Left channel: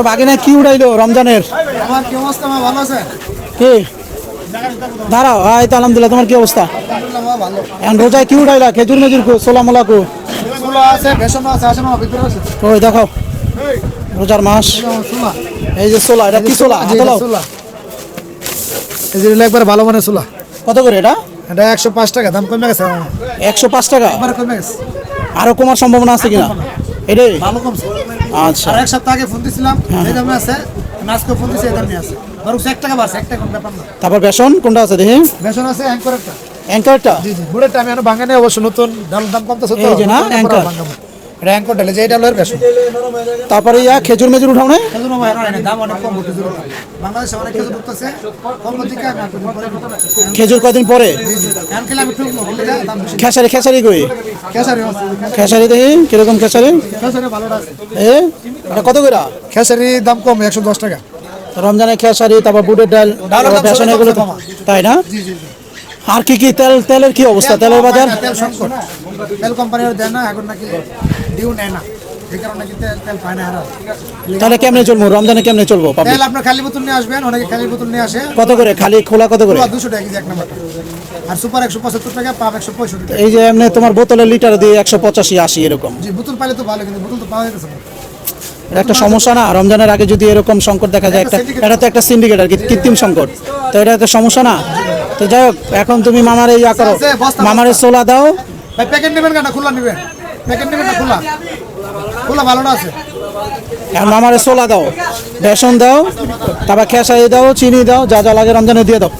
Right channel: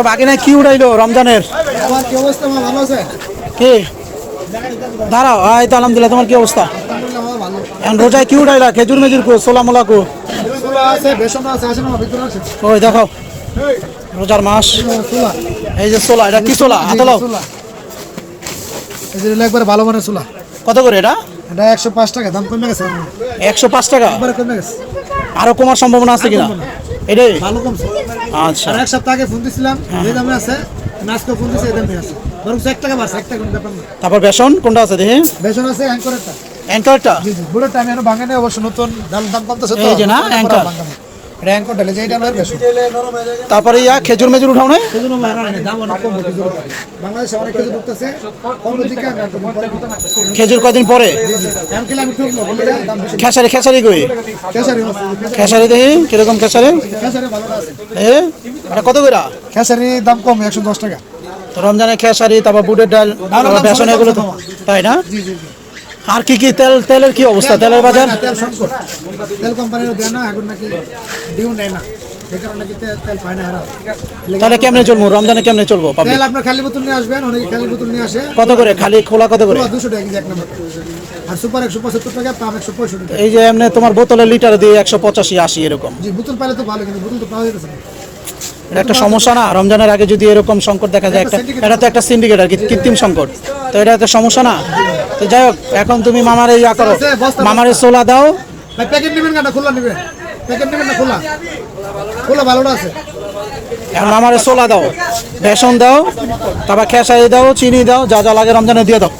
তোমার বাগিনা কি উড়াইলো রমজানের? কি দাঁড়াও, হ্যাঁ তো আলহামদুলিল্লাহ। তোমার কি অবস্থা? এখন রোজায় কি উঠাইলা? খেজুর মেজুর সোলা মোলা কো? ওই দেখো রোজার মাস, এই যে সোলা, এটা কি সোলা? একবার ভালো মানের চুলা। কত করে এটা? এটা 105 টাকা, দাম কমে গেছে। 105 টাকা? কমে গেছে, আরো কমার সম্ভাবনা আছে কিনা? এটাই ভালো কমছে। আচ্ছা। আর এক সপ্তাহ আগে ফোন দিছিলাম, এই দামে আছে। আজকে ফোন দিছি, এই দামে আছে। বরং 1 টাকা বাড়ছে, 1 টাকা ব্যাপার না। তারপর বেসন কোনটা আছে দেখে? বেসন আছে অ্যাঙ্করেরটা। অ্যাঙ্কারটা? জি জি, বুলেটটা আমি এখনো ভাঙা নেই অবশ্য, নতুন দাম কমতেছে তো। এই যে না অ্যাঙ্কার, এটা অ্যাঙ্কর ঢালে যে, এটা হলো বেসন। তারপরে ইয়া খেজুর মেজুর উঠাও না? সেজন্য ভাই দাম অনেক কম খেজুর। বাংলাদেশে অনেক খেজুর ঢুকতেছে, কম দিকে আর খেজুর কয়দিন পরে? আঙ্কেল আমি ঠুকবো, বলে দাম বেশি। খেসারি খেসারি কই? খেসারি খেসারি দেখি কিরকম খেসারি? খেসারি ভালো আছে। এ এটা কত করে? খেসারি দাম কম, 110 টাকা। রমজানের খেসারি, তারপর বুটের ডাল, বেসন, এগুলো তো তাই না? আর কি কি তেলের কি অবস্থা? তেলের বাজার? তেল কোম্পানির দেয় না এখন, নাকি ডিউ নেয় না, এই কারণে নাকি তেল পায় না। তাহলে কেমনে চলবো রমজানে? কেমনে চলবো? তেল আপনার খালি বোতল নিয়ে আসবেন, অনেকে খালি বোতল নিয়ে আসে। কত করে খালি খোলা? কত করে? 200 টাকা কেজি এক নম্বর। আর সুপার 175 টাকা, পাম 165 টাকা। এই যে এমনি তোমার বোতলের লিটার দিয়ে 185 80 এরকম। জি, বোতল পাইলে তো ভালো, কিন্তু বোতল তো পাওয়া যাচ্ছে না। এটা একটা সমস্যা না? রমজানের আগে যদি এরকম সংকট দেখা যায়, এটা তো একটা সিন্ডিকেট আর কি, কৃত্রিম সংকট। তো এটা একটা সমস্যা না? তো যাই হোক, এখন তুমি মামার এই মামার সোলা দাও। ভাই প্যাকেট নেবেন কেন? খোলা নেবেন? প্যাকেট নেবেন না খোলা? খোলা ভালোটা আছে। এখন মামার সোলা দাও, বেসন দাও, তারপর খেসারি দাও, চিনি দাও, যা যা লাগে রমজানে দিয়ে দাও।